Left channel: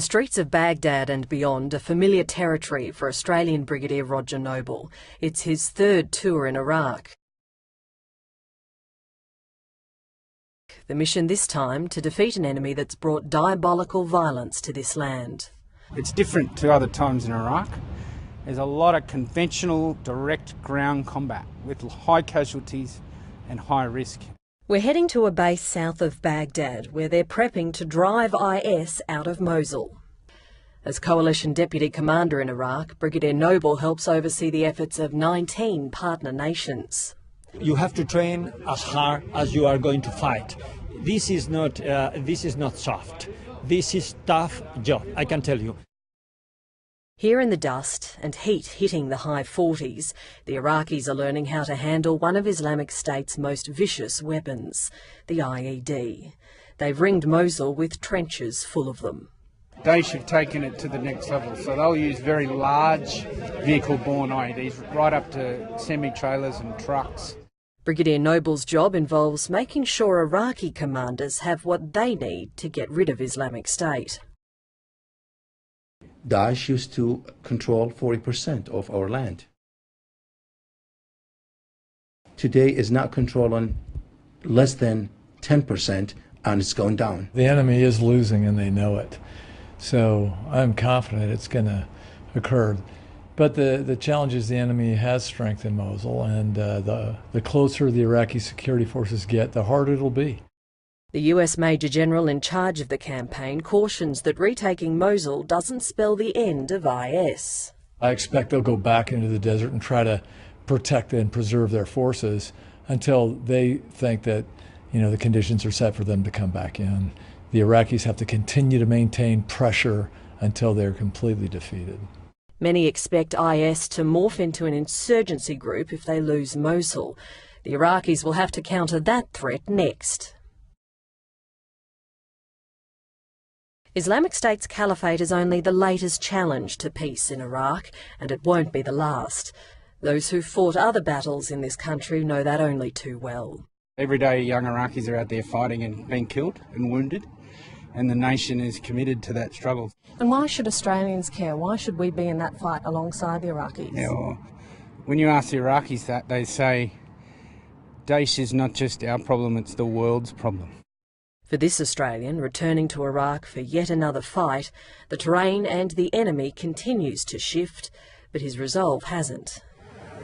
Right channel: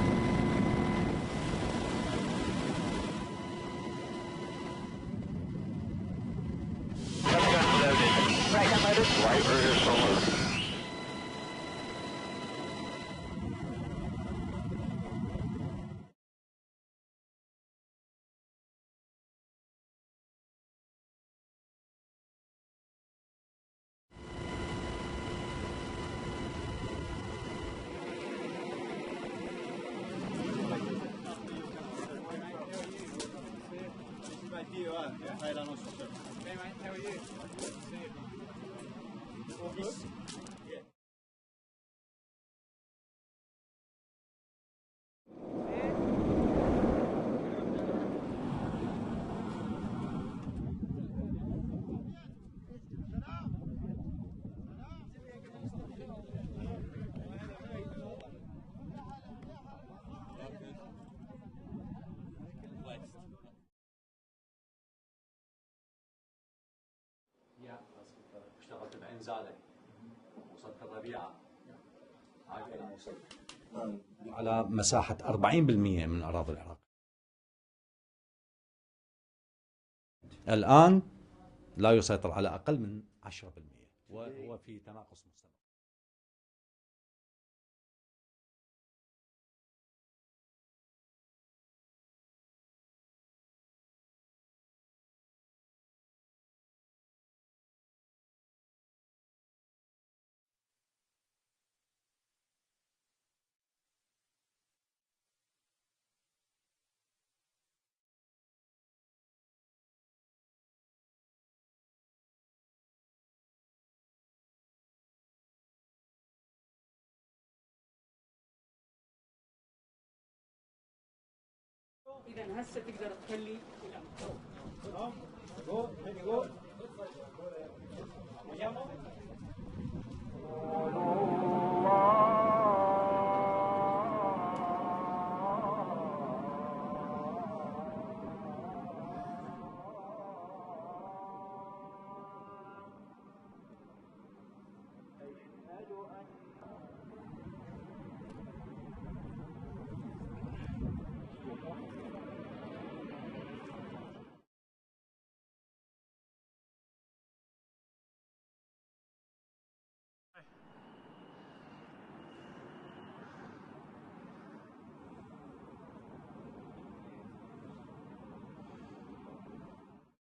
The streets of Baghdad and beyond are familiar territory for Australian Brigadier Roger Noble. It's his third tour in Iraq. The mission this time to defeat an enemy that's brought diabolical violence to this land. It's different to other times in Iraq. There's a lot of conventional direct ground combat with high casualties and high risk. We're heading to a base south of Baghdad where they're prepping to drive IS out of Mosul. As Coalition Deputy Commander in Iraq, Brigadier Noble helps oversee the efforts of 19 partner nations. You have to train as hard as you are going to fight. This is not soft. This is tough job, I can tell you. Here in the dust and heat hitting the high 40s, the Iraqis are learning how to handle one of Islamic State's most vicious weapons, the IED. They've ringed Mosul with trenches full of them. Daesh have taken it to the next level, so they'll use very large vehicle-borne IEDs, right up to semi-trailers and trucks. Brigadier Noble's job involves making sure Iraqi commanders have what they need to get rid of Islamic State. Daesh used to control 40% of our land. Today is not controlling less than 10%, and it's going down. The enemy is losing and they know it. So I'm confident it's going to occur. But the challenge is the enemy has strength in Mosul, and the closer the Iraqi security forces get, the harder it'll be. The US Major General in charge of the campaign cautions that retaking Mosul doesn't spell the end of IS. I expect they'll go back into the desert and try to protect and preserve their forces until they think that, the conditions are set for them to come back in. The Iraqis have to continue to maintain pressure until they're completely defeated. Many expect IS to morph into an insurgency group if they lose Mosul. The Iraqis will have to counter that threat next. Islamic State's caliphate is only the latest challenge to peace in Iraq, and it won't be the last. Those who've fought other battles in this country know that only too well. Every day young Iraqis are out there fighting and being killed and wounded, and the nation is committed to that struggle. And why should Australians care? Why should we be in that fight alongside the Iraqis? Yeah, well, when you ask the Iraqis that, they say Daesh is not just our problem, it's the world's problem. For this Australian, returning to Iraq for yet another fight, the terrain and the enemy continues to shift, but his resolve hasn't.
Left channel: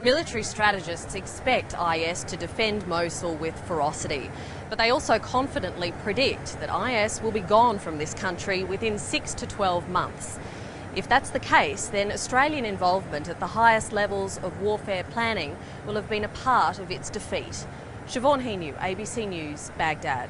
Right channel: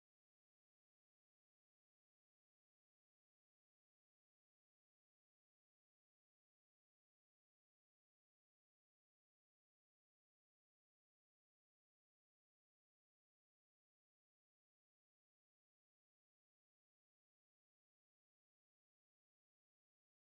Military strategists expect IS to defend Mosul with ferocity, but they also confidently predict that IS will be gone from this country within 6 to 12 months. If that's the case, then Australian involvement at the highest levels of warfare planning will have been a part of its defeat. Siobhan Hinu, ABC News, Baghdad.